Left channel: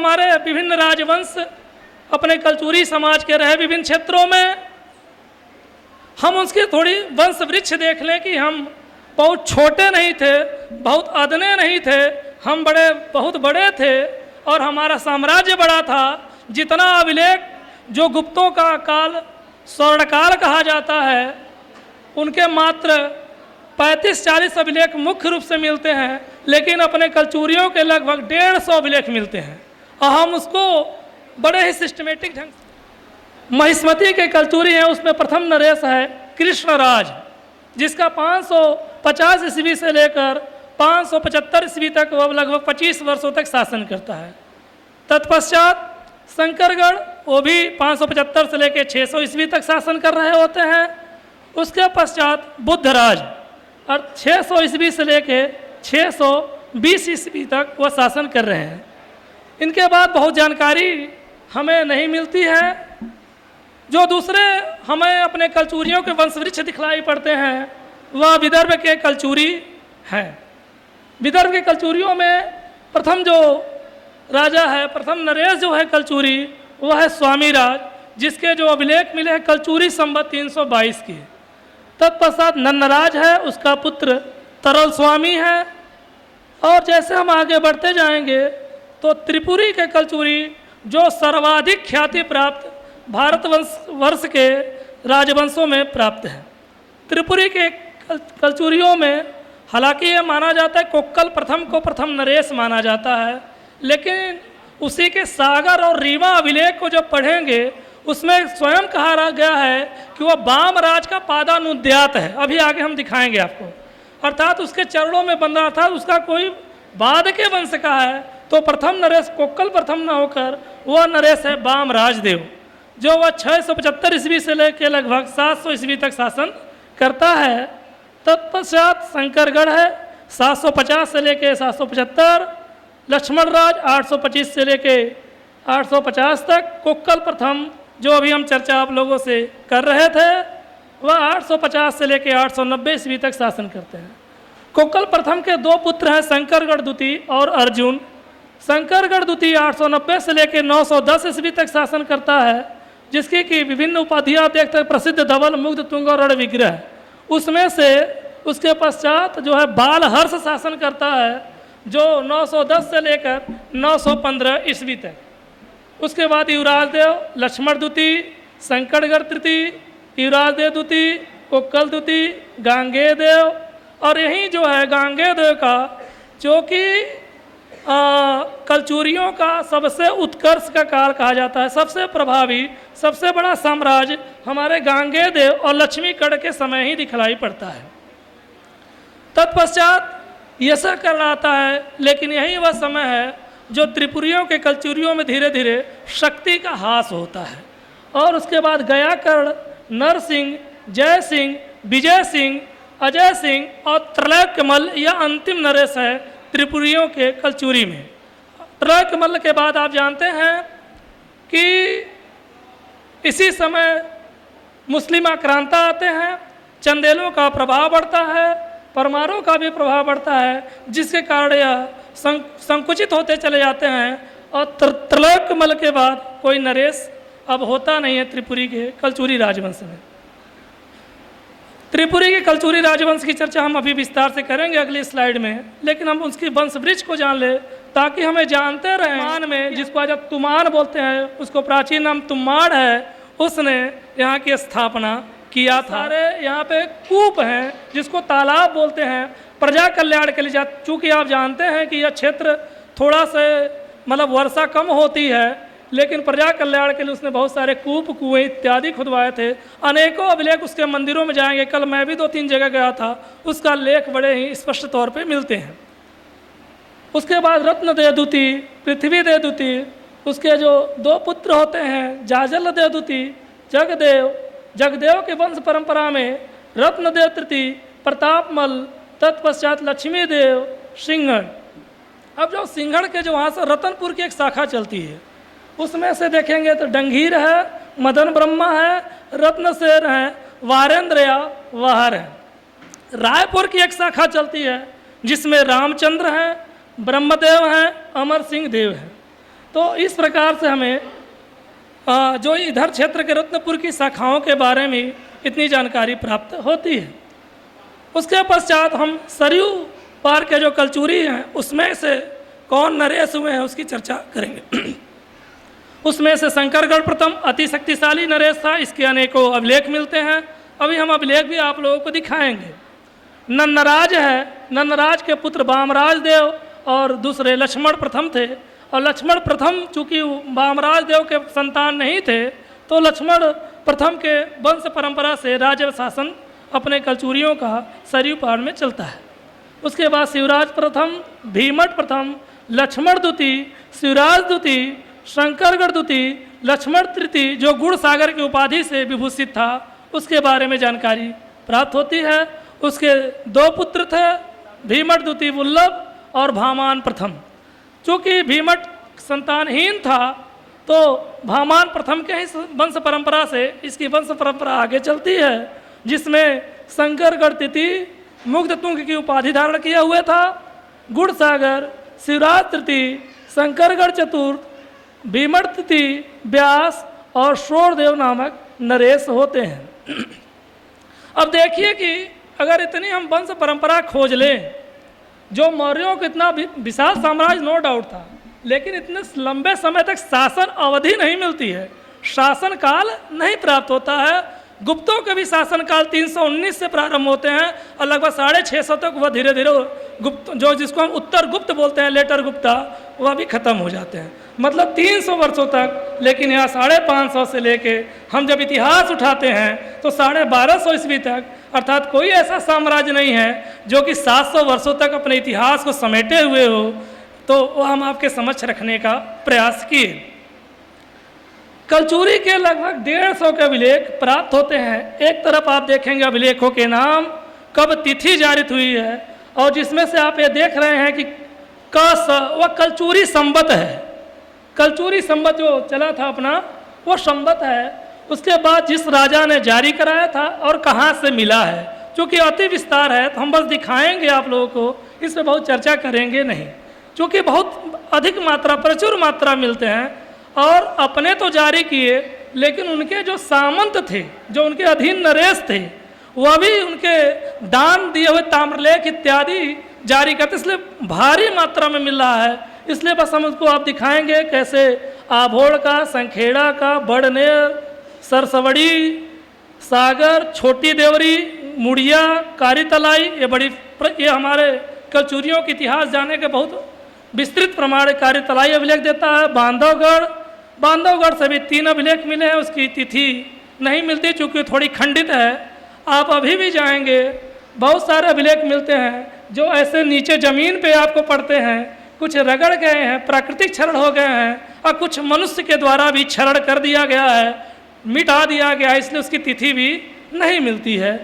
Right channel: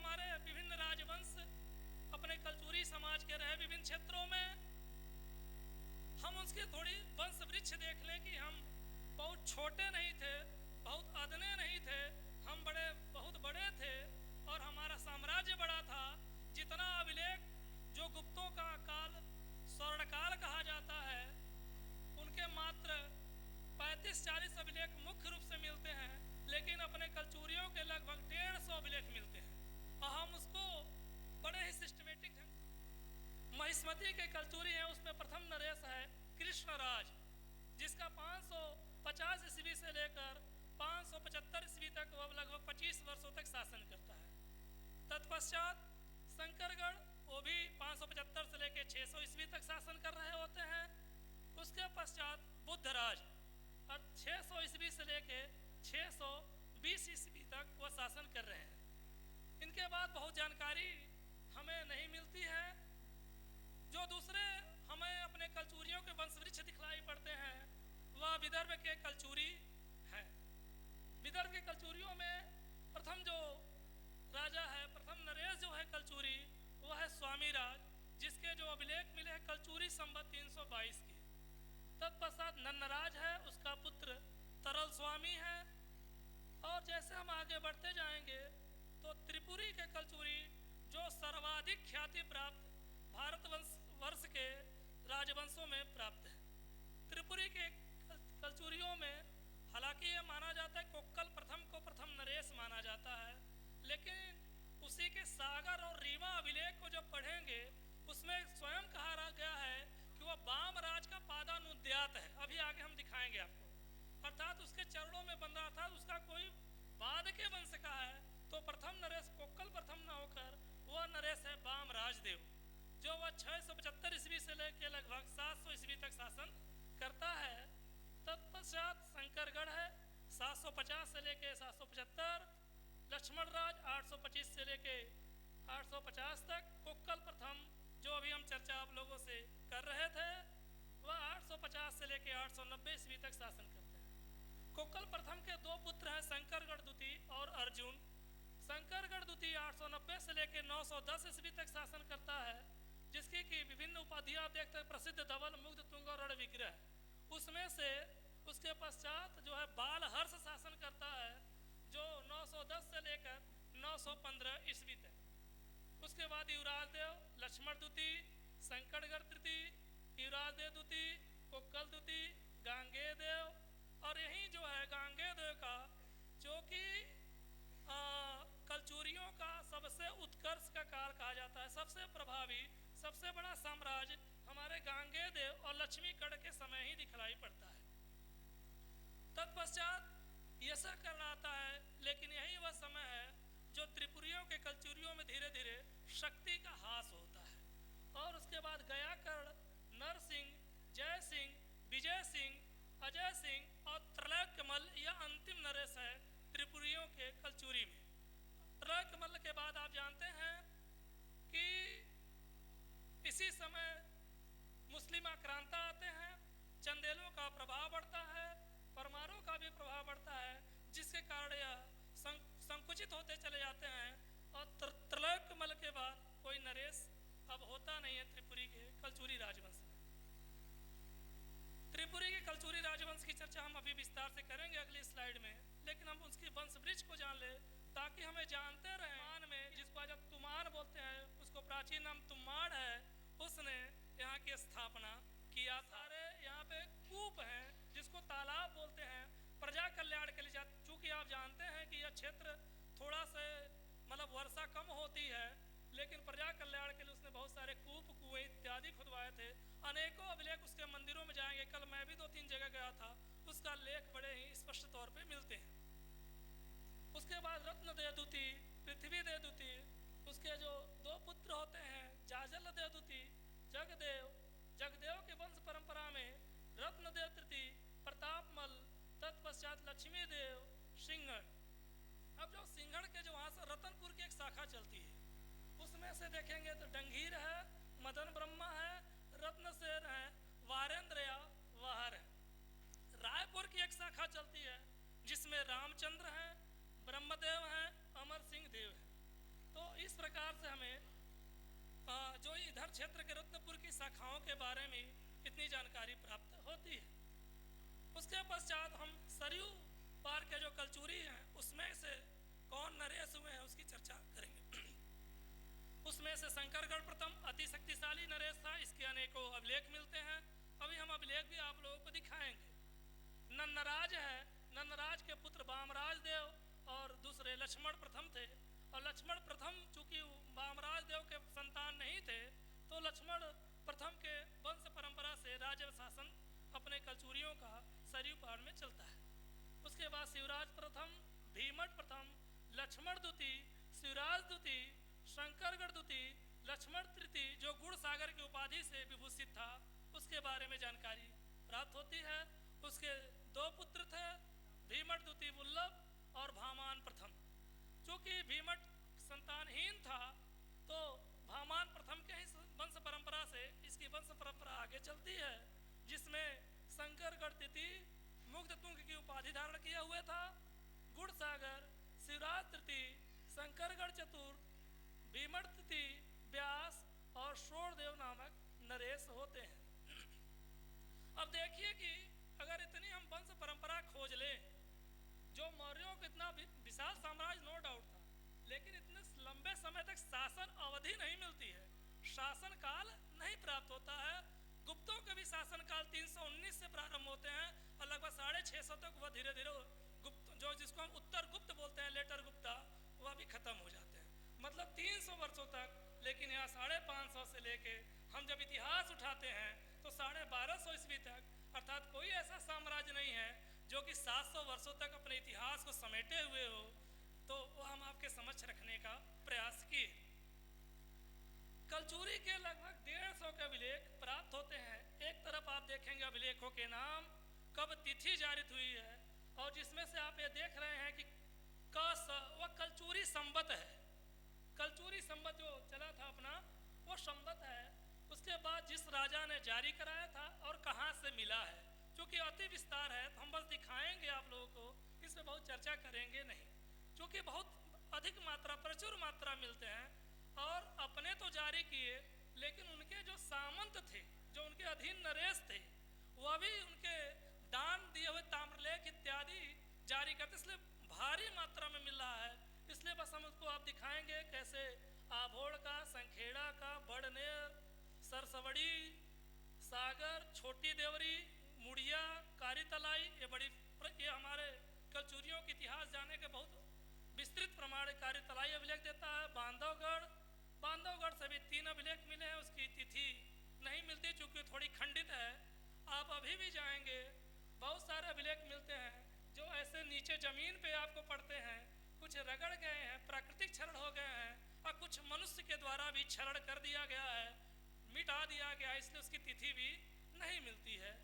हमारे विभिन्न राजवंश अपने कलचुरी समाज के रहे विभिन्न क्षेत्रों में, हम उसकी थोड़ी वंश वृक्ष देख लें कि हम बहुत छोटे नहीं थे, बहुत अदने नहीं थे, हम बहुत बड़े थे और हमारा साम्राज्य बड़ा था। जितना अभिलेख जो गुप्तों का काल स्वर्णकाल कहा जाता है, उनके मात्र 35-40 अभिलेख मुख्य रूप से मिलते हैं, लेकिन अपने कलचुरियों के लगभग 150 अभिलेख मिलते हैं और हम उसको बड़े ही सिस्टमेटिक ढंग से। महिष्मती के कलचुरी हैं, उसमें प्रथम नरेश है कृष्णराज, जिसका 550 ईस्वी से लेकर 575 ईस्वी तक वह लगभग 25 वर्षों तक शासन करता है। तत्पश्चात शंकरगढ़, वो भी 575 से लेकर 600 ईस्वी तक शासन कर रहे होते हैं। उसके पश्चात बुद्धराज और 600 ईस्वी से लेकर 620 ईस्वी तक वह शासन कर रहे हैं। इनके बाद बहुत जानकारी हमें नहीं मिलती है। जो दूसरे हमें अपने कलचुरियों के वंशवृक्ष दिखलाई पड़ते हैं, वह विदर्भ के कलचुरी हैं। विदर्भ के कलचुरियों में प्रथम जो राजा है, प्रथम नरेश जो है कलचुरी, वह है स्वामीराज, जिसके जो अभिलेख मिले हैं कलचुरी संवत 322 के। तत्पश्चात नन्नराज है, उसका पुत्र तरल स्वामी है। और जैसे हम आगे बढ़ते जाएंगे तो त्रिपुरी के कलचुरी जो सर्वाधिक ख्याति प्राप्त भारत वर्ष के राजवंशों में प्राप्त है। त्रिपुरी के कलचुरियों में हालांकि ये माना जाता है कोक्कल प्रथम को प्रथम नरेश माना जाता है, लेकिन उसी के सागर और रीवा अभिलेख को जब पढ़ेंगे उसमें स्वयं कहा गया है कि वह बाम राज का पादानुद्यात है। अभी आगे हम दिखाएंगे आपको, अर्थात उसके चरणों में बंधा, अर्थात उसका कोई बाद के वंश का है। तो प्रथम नरेश कोक्कल प्रथम न होकर वह नरेश है बाम राजदेव, जो वह 675 ईस्वी से लेकर लगभग 700 ईस्वी तक शासन करता है। तत्पश्चात शंकरगढ़ है 750 से लेकर 775, लक्ष्मण राज 825 से लेकर 850 तक, कोक्कल प्रथम जो अभी हम चर्चा आप लोगों से कर रहे थे, वह 850 से लेकर 890 ईस्वी तक शासन करते हैं। कोक्कल प्रथम के दो पुत्र हैं शंकरगढ़ द्वितीय और अर्जुन। शंकरगढ़ द्वितीय 890 से लेकर 910 ईस्वी तक शासन करता है, जिसकी कि विभिन्न उपाधियां देखते हैं, प्रसिद्ध धवल मुग्ध तुंग और रण विग्रह। उसमें से उसके पश्चात जो है बालहर्ष शासन करता है, जो 910 से लेकर 915 ईस्वी तक। उसके बाद युवराज देव लक्ष्मण द्वितीय, शंकरगढ़ तृतीय, युवराज देव द्वितीय, कोक्कल द्वितीय, गांगेय देव। और यही जो है गांगेय देव का, जो कि कलचुरियों का सबसे उत्कर्ष का काल कहा जाता है, सबसे प्रभावी सबसे बड़ा साम्राज्य हमारे गांगेय देव और लक्ष्मीगढ़ के समय ही दिखलाई पड़ता है। तत्पश्चात यशकर्ण आता है, लेकिन यही वह समय है जो त्रिपुरियों के कलचुरियों में धीरे धीरे शक्ति का ह्रास होता है। और उसके बाद गयाकर्ण, नरसिंह, जय सिंह, विजय सिंह, अजय सिंह और त्रैलोक्यमल्ल यह अंतिम नरेश है त्रिपुरियों के कलचुरी में। त्रैलोक्यमल्ल के बाद आप जानते हैं कि इसी समय मुस्लिम आक्रांता आते हैं, चंदेलों का प्रभाव बढ़ता है, परमारों का भी प्रभाव बढ़ता है, जिसके कारण यह संकुचित होते चले जाते हैं। और त्रैलोक्यमल्ल के बाद कोई नरेश अब होता नहीं है त्रिपुरी के कलचुरी राजवंश में। त्रिपुरी के कलचुरी राजवंश की चर्चा हम अभी विस्तार से करेंगे अगली स्लाइड में, लेकिन हम उसकी वंश वृक्ष को जान ले ताकि हमें जानते रहें। तुमान में, जिसको आज तुमान बोलते हैं, उसको प्राचीन नाम तुम्माड़ है, उसने यहाँ की स्थापना किया था। सारे यहाँ पे कूप हैं जिसको तालाब बोलते हैं, प्रजा कल्याण के लिए। चूँकि आप जानते हैं कि यह क्षेत्र थोड़ा सा मतलब वर्षा कम होती है, लेकिन प्रजा कल्याण के लिए उसने बहुत सारे कूप, कुएं इत्यादि खुदवाए थे। अनेकों अभिलेख उसके मंदिरों में जाएंगे, कल मैं भी 2-3 जगह गया था, उसका लेख बड़े ही स्पष्ट तौर पे मिलते हैं। उसके बाद रत्नदेव द्वितीय, पृथ्वीदेव द्वितीय, उसके जो 2 पुत्र होते हैं जाजलदेव द्वितीय, जगदेव। जगदेव के वंश परंपरा में रत्नदेव तृतीय, प्रतापमल, तत्पश्चात लक्ष्मीदेव, सिंहण। अब जो सिंहण के जो वहाँ से रतनपुर की एक शाखा चलती है, उसमें से देखेंगे तो डंगीर है, मदन ब्रह्मा है, रत्नसेन है, वारेंद्र या वाहर है। रायपुर की एक शाखा चलती है जिसमें रामचंद्र हैं, ब्रह्मदेव हैं, अमर सिंह देव हैं। तो इस प्रकार से हमें जो इधर क्षेत्र के रत्नपुर की शाखाओं के बारे में इतनी जानकारी प्राप्त होती है। उसके पश्चात हम सरयू पार के जो कलचूरी हैं उसमें से कौन नरेश हुए हैं उसकी चर्चा करेंगे। उसमें से शंकरगढ़ प्रथम अति शक्तिशाली नरेश था, इसके अनेकों अभिलेख मिलते हैं। अभी हम अभिलेख भी आप लोगों को दिखाएंगे। नन्नराज है, नन्नराज के पुत्र वामराज देव और दूसरे लक्ष्मण प्रथम थे, और लक्ष्मण प्रथम चूँकि वामराज देव के संतान नहीं थे तो लक्ष्मण प्रथम के वंश परंपरा से राज्य शासन अपने कलचूरियों का सरयू पार में चलता है। उसके बाद शिवराज प्रथम, भीमट प्रथम, लक्ष्मण द्वितीय, शिवराज द्वितीय, शंकरगढ़ द्वितीय, लक्ष्मण तृतीय जो गुड़ सागर की उपाधि से विभूषित था उसके बारे में जानकारी प्राप्त होती है। उसके 2 पुत्र थे, भीमट द्वितीय वल्लभ और भामान प्रथम। चूँकि भीमट संतानहीन था तो भामान प्रथम के ही वंश परंपरा से इसकी वंश परंपरा आगे चलती है, जिसमें शंकरगढ़ तृतीय मुग्ध तुंग की उपाधि धारण किया हुआ था, गुड़ सागर, शिवराज तृतीय, शंकरगढ़ चतुर्थ, भीमट तृतीय, व्यास और शोरदेव नामक नरेश होते हैं। अब देखिए कि अगर इतनी हम वंश परंपरा खोज लें, जो मौर्यों को इतना विशाल साम्राज्य नो डाउट था, लेकिन इतने लंबे समय तक शासन अवधि नहीं मिलती है, शासन काल नहीं प्राप्त होता है। गुप्तों के भी शासन काल 319 से प्रारंभ होते हैं और लगभग 650 तक वह धीरे धीरे गुप्त जो जिसको हम उत्तर गुप्त बोलते हैं, लेटर गुप्ता, वह भी खत्म हो जाते हैं, मतलब 300 वर्षों तक। लेकिन यहाँ 550 से लेके हम जब इतिहास उठाते हैं तो 1250 ईस्वी तक, अर्थात कोई ऐसा साम्राज्य नहीं है जो कि 700 वर्षों तक अपने इतिहास को समेटे हुए हो। तो वह हम आपके समक्ष रखने का प्रयास किए। कलचूरी के लगभग 150 के अभिलेख प्राप्त होते हैं। एक तरफ आप देखेंगे अभिलेखों के नाम, कब तिथि जारित हुई है, और जिसमें से आप ये देख रहे हैं कि वह कलचूरी संवत है। कलचूरी संवत जो चला था अपना वो संवत है। उसके बाद जिस राजा ने जारी कराया था और कहाँ से मिला है, चूँकि अति विस्तार है तो हम बस दिखाएंगे आप लोगों को, इस पर बहुत चर्चा करेंगे नहीं, क्योंकि बहुत अधिक मात्रा, प्रचुर मात्रा मिलते हैं। और अपने तो जारी किए, लेकिन उनके जो सामंत थे, जो उनके अधीन नरेश थे, वह भी उनके दान दिए हुए ताम्रलेख इत्यादि जारी करते, इसलिए भारी मात्रा में मिल रहा है। इसलिए बस हम उसको आप दिखाएंगे कैसे आभोड़ का, संखेड़ा का, बड़नेर, सरसवड़ी, सागर, छोटी देवरी, मुड़िया, कारी तलाई, ये हमारे कलचूरियों के इतिहास जानने के बहुत विस्तृत प्रमाण कारी तलाई अभिलेख देता है। बांधवगढ़ से भी 3 अभिलेख मिले हैं, उसकी तिथि नहीं मिलती चूँकि थोड़ी खंडित है। आप अभी भी जाएंगे बहुत सारे अभिलेख मिलते हैं जो ऐसे नीचे ज़मीन पे आपको पड़ते हैं, कुछ रगड़ गए हैं, प्राकृतिक क्षरण हो गए हैं, और कुछ मनुष्य के द्वारा भी क्षरण कर दिया गया है, मिटा दिया गया है, इसलिए उसकी तिथि भी नहीं मिलती है।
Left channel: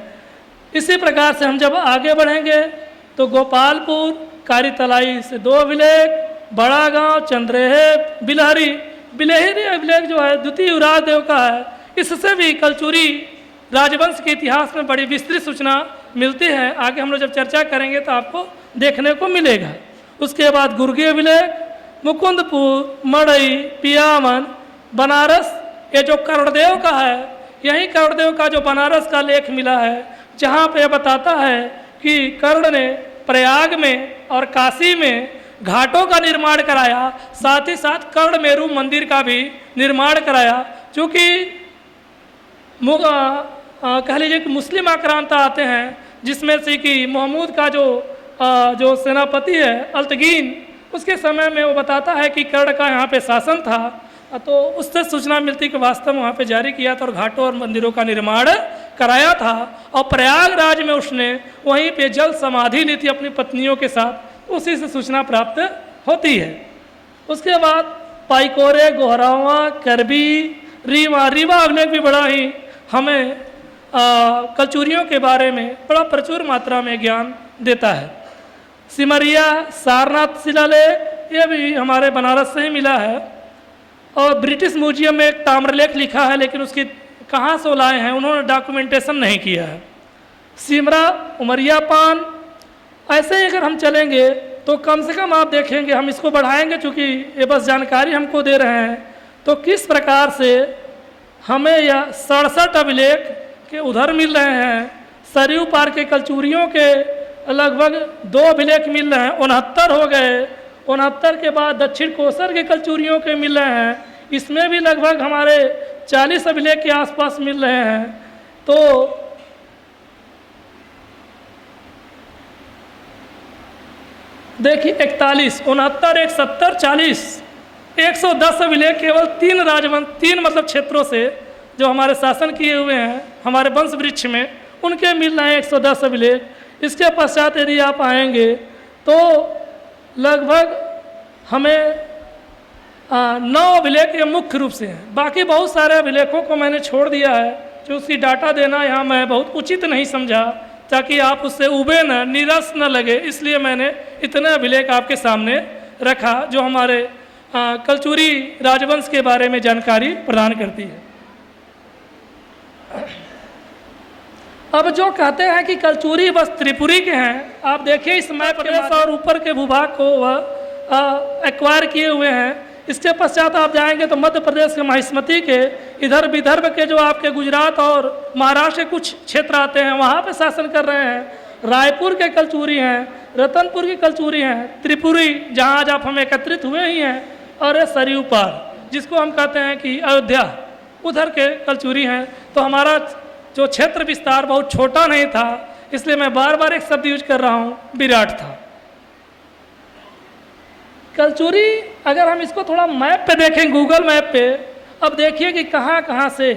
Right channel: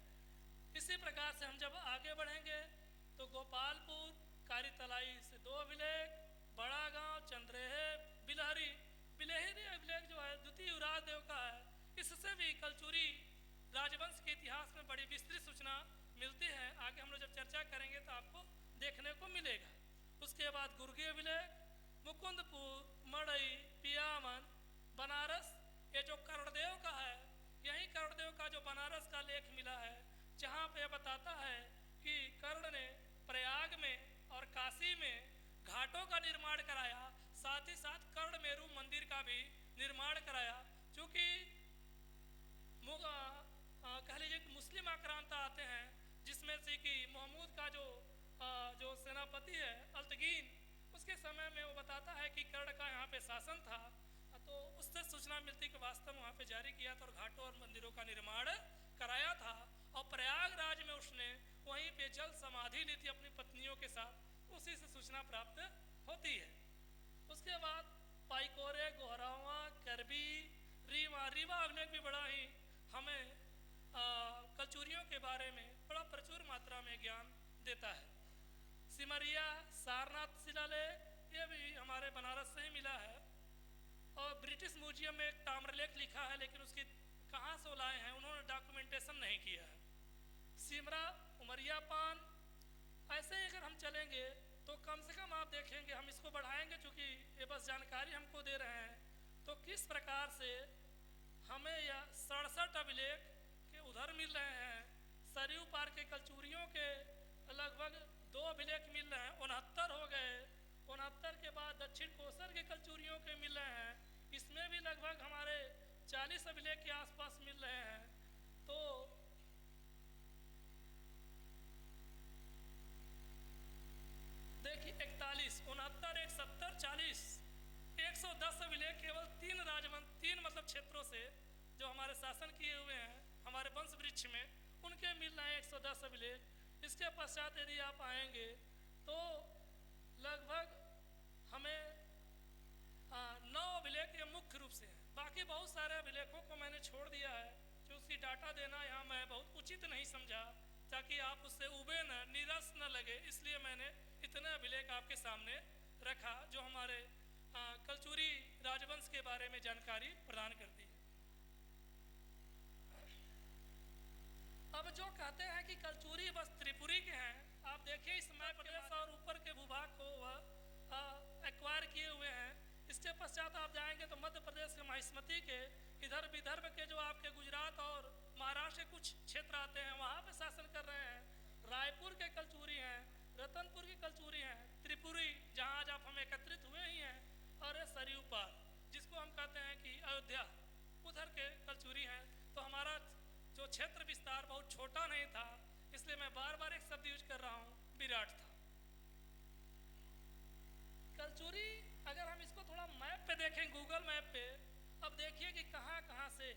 इसी प्रकार से हम जब आगे बढ़ेंगे तो गोपालपुर, कारी तलाई से 2 अभिलेख, बड़ा गांव, चंद्रेहे, बिलहरी अभिलेख जो है द्वितीय युवराज देव का है। इससे भी कलचूरी राजवंश के इतिहास में बड़ी विस्तृत सूचना मिलती है। आगे हम लोग जब चर्चा करेंगे तो आपको देखने को मिलेगा। उसके बाद गुर्गी अभिलेख, मुकुंदपुर, मड़ई, पियामन, बनारस, ये जो कर्णदेव का है, यही कर्णदेव का जो बनारस का लेख मिला है, जहाँ पे बताता है कि कर्ण ने प्रयाग में और काशी में घाटों का निर्माण कराया, साथ ही साथ कर्ण मेरू मंदिर का भी निर्माण कराया। चूँकि कह लीजिए कि मुस्लिम आक्रांता आते हैं, जिसमें से कि महमूद का जो सेनापति है अल्तगीन, उसके समय में वो बताता है कि कर्ण का यहाँ पे शासन था, तो उससे सूचना मिलती कि वास्तव में वहाँ पे जारी किया था और घाटों और मंदिरों का निर्माण कराया था। और प्रयागराज में उसने वहीं पे जल समाधि ली थी अपनी पत्नियों के साथ, उसी से सूचना प्राप्त होती है। उसके बाद पाइकोरे, गोहरावा, करबी, रीवा अभिलेख भी बड़ा ही हमें कलचूरियों के बारे में बड़ा प्रचुर मात्रा में ज्ञान देता है। सिमरिया, सारनाथ शिलालेख, ये भी हमारे बनारस से ही मिला है। और ब्रिटिश म्यूजियम में एक ताम्रलेख लिखा है, लेकिन उसकी कहाँ से लाए हैं उन्होंने डॉक्यूमेंटेशन नहीं किया है। सिमरा, उमरिया पान, ऐसे ही अगर हम चलेंगे तो कम से कम आप देखेंगे, हम इसको बढ़ाएंगे चूँकि ये बस जानकारी हमको दे रहे हैं, तो किस प्रकार से हमें यह 67 अभिलेख के उधर मिल रहे हैं। सरयू पार के कलचूरियों के लगभग 2 अभिलेख मिल रहे हैं, 69 हो गए। 69 के बाद दक्षिण कोसर के कलचूरियों के मिल रहे हैं, इसमें भी लगभग हमारे 40 अभिलेख के आसपास मिल रहे हैं। तो देखिए 41, 69, 170, 40, 110 अभिलेख केवल 3 मतलब क्षेत्रों से जो हमारे शासन किए हुए हैं हमारे वंश वृक्ष में, उनके मिल रहे हैं 110 अभिलेख। इसके पश्चात यदि आप आएंगे तो लगभग हमें 9 अभिलेख ये मुख्य रूप से हैं। बाकी बहुत सारे अभिलेखों को मैंने छोड़ दिया है, जो उसकी डाटा देना यहाँ मैं बहुत उचित नहीं समझा, ताकि आप उससे उबे न, निराश न लगे, इसलिए मैंने इतने अभिलेख आपके सामने रखा जो हमारे कलचूरी राजवंश के बारे में जानकारी प्रदान करती है। अब जो कहते हैं कि कलचूरी बस त्रिपुरी के हैं, आप देखिए इस मैप प्रदेश और ऊपर के भूभाग को वह एक्वायर किए हुए हैं। इसके पश्चात आप जाएंगे तो मध्य प्रदेश के महिष्मती के, इधर विदर्भ के जो आपके गुजरात और महाराष्ट्र के कुछ क्षेत्र आते हैं, वहाँ पे शासन कर रहे हैं। रायपुर के कलचूरी हैं, रतनपुर के कलचूरी हैं, त्रिपुरी जहाँ आज आप हम एकत्रित हुए ही हैं, और सरयू पार जिसको हम कहते हैं कि अयोध्या, उधर के कलचूरी हैं। तो हमारा जो क्षेत्र विस्तार बहुत छोटा नहीं था, इसलिए मैं बार बार एक शब्द यूज कर रहा हूँ, विराट था। कलचूरी अगर हम इसको थोड़ा मैप पे देखें, गूगल मैप पे, अब देखिए कि कहाँ कहाँ से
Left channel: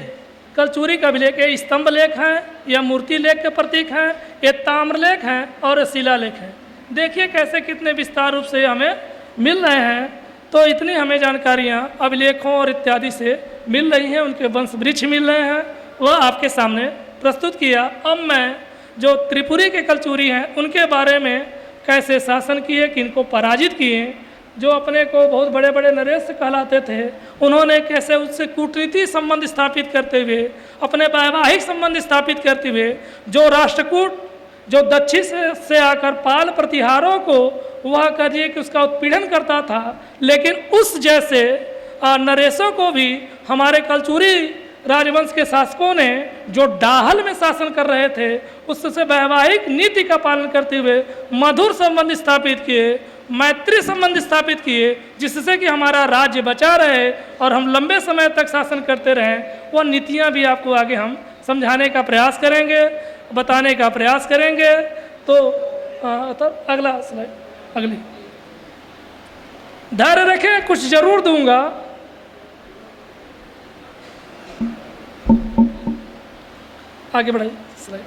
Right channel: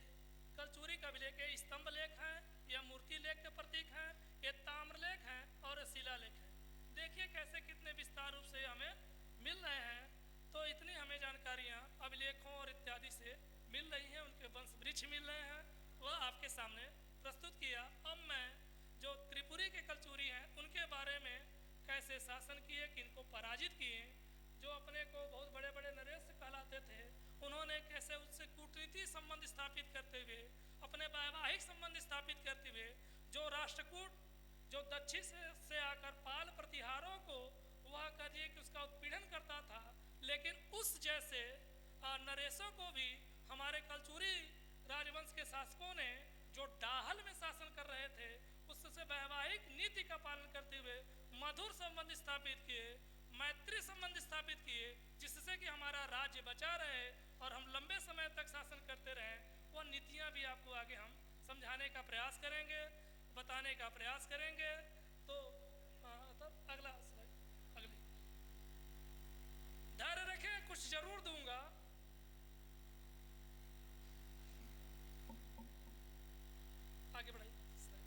कलचूरी का अभिलेख है। स्तंभ लेख हैं, या मूर्ति लेख के प्रतीक हैं, ये ताम्रलेख हैं और शिलालेख हैं। देखिए कैसे कितने विस्तार रूप से हमें मिल रहे हैं। तो इतनी हमें जानकारियाँ अभिलेखों और इत्यादि से मिल रही हैं, उनके वंश वृक्ष मिल रहे हैं, वह आपके सामने प्रस्तुत किया। अब मैं जो त्रिपुरी के कलचूरी हैं उनके बारे में, कैसे शासन किए, किनको पराजित किए, जो अपने को बहुत बड़े बड़े नरेश कहलाते थे, उन्होंने कैसे उससे कूटनीति संबंध स्थापित करते हुए, अपने वैवाहिक संबंध स्थापित करते हुए, जो राष्ट्रकूट जो दक्षिण से आकर पाल प्रतिहारों को वह करिए कि उसका उत्पीड़न करता था, लेकिन उस जैसे नरेशों को भी हमारे कलचूरी राजवंश के शासकों ने जो डाहल में शासन कर रहे थे, उससे वैवाहिक नीति का पालन करते हुए मधुर संबंध स्थापित किए, मैत्री संबंध स्थापित किए, जिससे कि हमारा राज्य बचा रहे और हम लंबे समय तक शासन करते रहें। वह नीतियां भी आपको आगे हम समझाने का प्रयास करेंगे, बताने का प्रयास करेंगे। तो अगला स्लाइड, अगली, धैर्य रखें, कुछ जरूर दूंगा। आगे बढ़ाइए स्लाइड।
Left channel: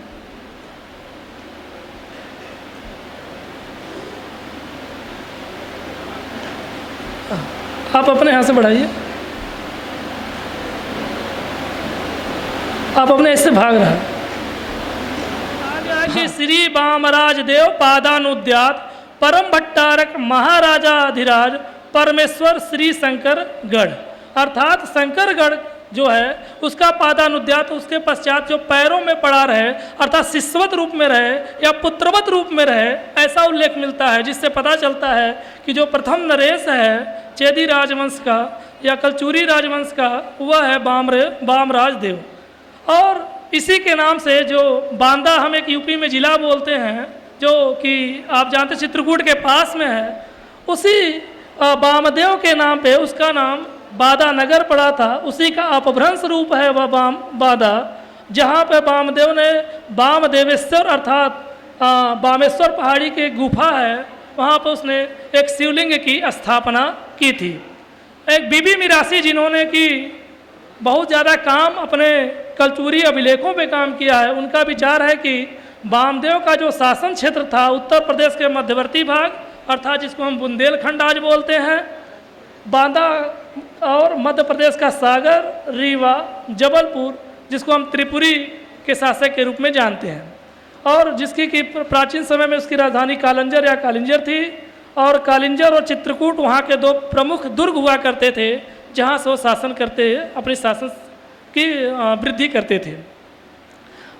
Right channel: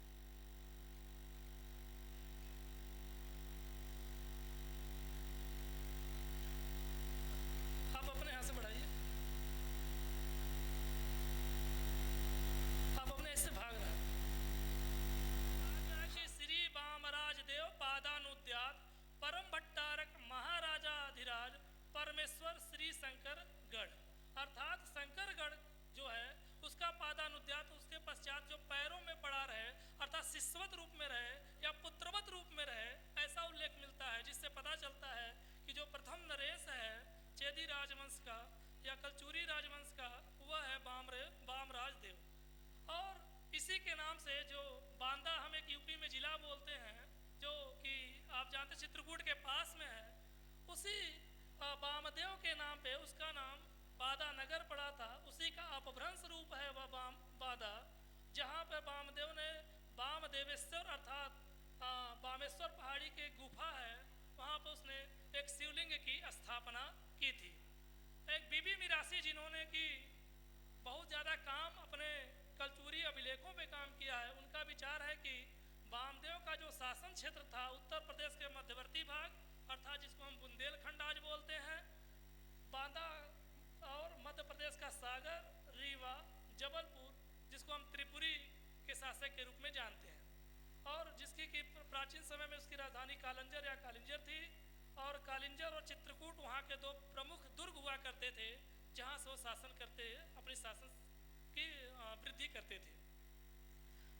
आप अपने यहाँ से बढ़ाइए, आप अपने ऐसे भाग रहा है। कि श्री बामराज देव पादानुद्यात परम भट्टारक महाराजाधिराज परमेश्वर श्री शंकरगढ़, अर्थात शंकरगढ़ जो है उसका पादानुद्यात, उसके पश्चात जो पैरों में पड़ा रहे, अर्थात शिष्यवत रूप में रहे या पुत्रवत रूप में रहे, ऐसा उल्लेख मिलता है, जिससे पता चलता है कि जो प्रथम नरेश है चेदी राजवंश का या कलचूरी राजवंश का, वह है बामराज देव। और इसी के नाम से जो बांदा, हम एक यूपी में जिला बोलते हैं, जो कि आप जानते चित्रकूट के पास में है, उसी बामदेव के नाम पे उसका नाम बादा नगर पड़ा था। उसी का अपभ्रंश रूप है वह बादा, जहाँ पे बामदेव ने बामदेवेश्वर अर्थात बामेश्वर पहाड़ी के गुफा है, वहाँ पर उसने एक शिवलिंग की स्थापना की थी। एक बीबी मिरासी जिन्होंने कि बहुत ज़्यादा काम अपने कलचूरी अभिलेखों पे काम किया है, उनका विचार है कि बामदेव का जो शासन क्षेत्र था उत्तर प्रदेश के मध्यवर्ती भाग, अर्थात जिसको हम बुंदेलखंड आज बोलते हैं, बांदा और मध्य प्रदेश का सागर, रीवा, जबलपुर, जिसको हम त्रिपुरी के शासक के रूप में जानते हैं, और जिसकी कि प्राचीन समय में उसकी राजधानी कालिंजर या कालिंजर थी। और कालिंजर और चित्रकूट वहाँ के 2 प्रमुख दुर्ग हुआ करते थे, जहाँ से वो शासन करते, अपने शासन की वृद्धि करते थे।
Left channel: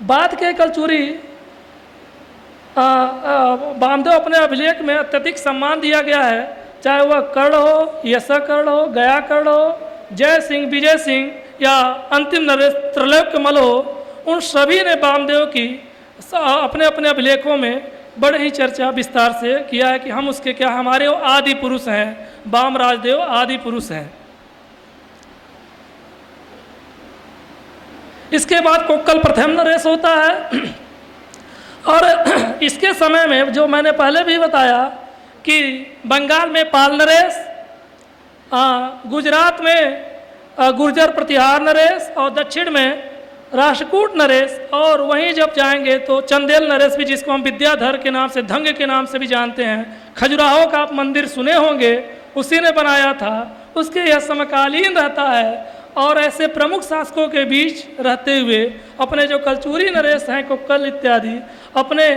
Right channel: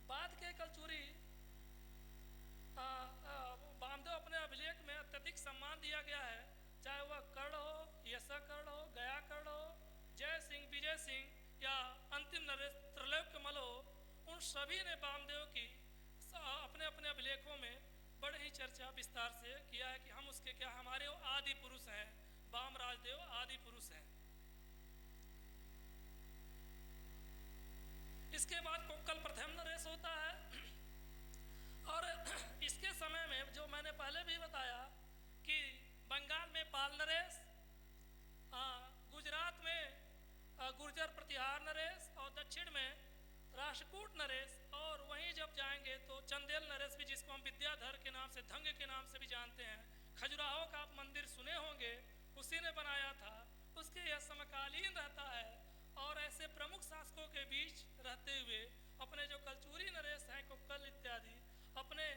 बाद के कलचूरी वामदेव अपने अभिलेख में अत्यधिक सम्मान दिया गया है, चाहे वह कर्ण हो, यशा कर्ण हो, गया कर्ण हो, जय सिंह, विजय सिंह या अंतिम नरेश त्रैलोक्यमल हो, उन सभी ने वामदेव की अपने अपने अभिलेखों में बड़े ही चर्चा विस्तार से किया है कि हम उसके क्या, हमारे वो आदि पुरुष हैं, वाम राजदेव आदि पुरुष हैं। इसके बाद कोक्कल प्रथम नरेश होता है और इसके समय में जो मैंने पहले भी बताया कि बंगाल में पाल नरेश, गुजरात में गुर्जर प्रतिहार नरेश और दक्षिण में राष्ट्रकूट नरेश, और वहीं जब जाएंगे तो चंदेल नरेश भी, जिसको हम विद्याधर के नाम से, धंग के नाम से भी जानते हैं। खजुराहो का आप मंदिर सुने होंगे, उसी ने बनाया था, उसके यह समकालीन रहता है। और ऐसे प्रमुख शासकों के बीच रहते हुए अपने जो कलचूरी नरेश हैं, कोक्कल इत्यादि, अपने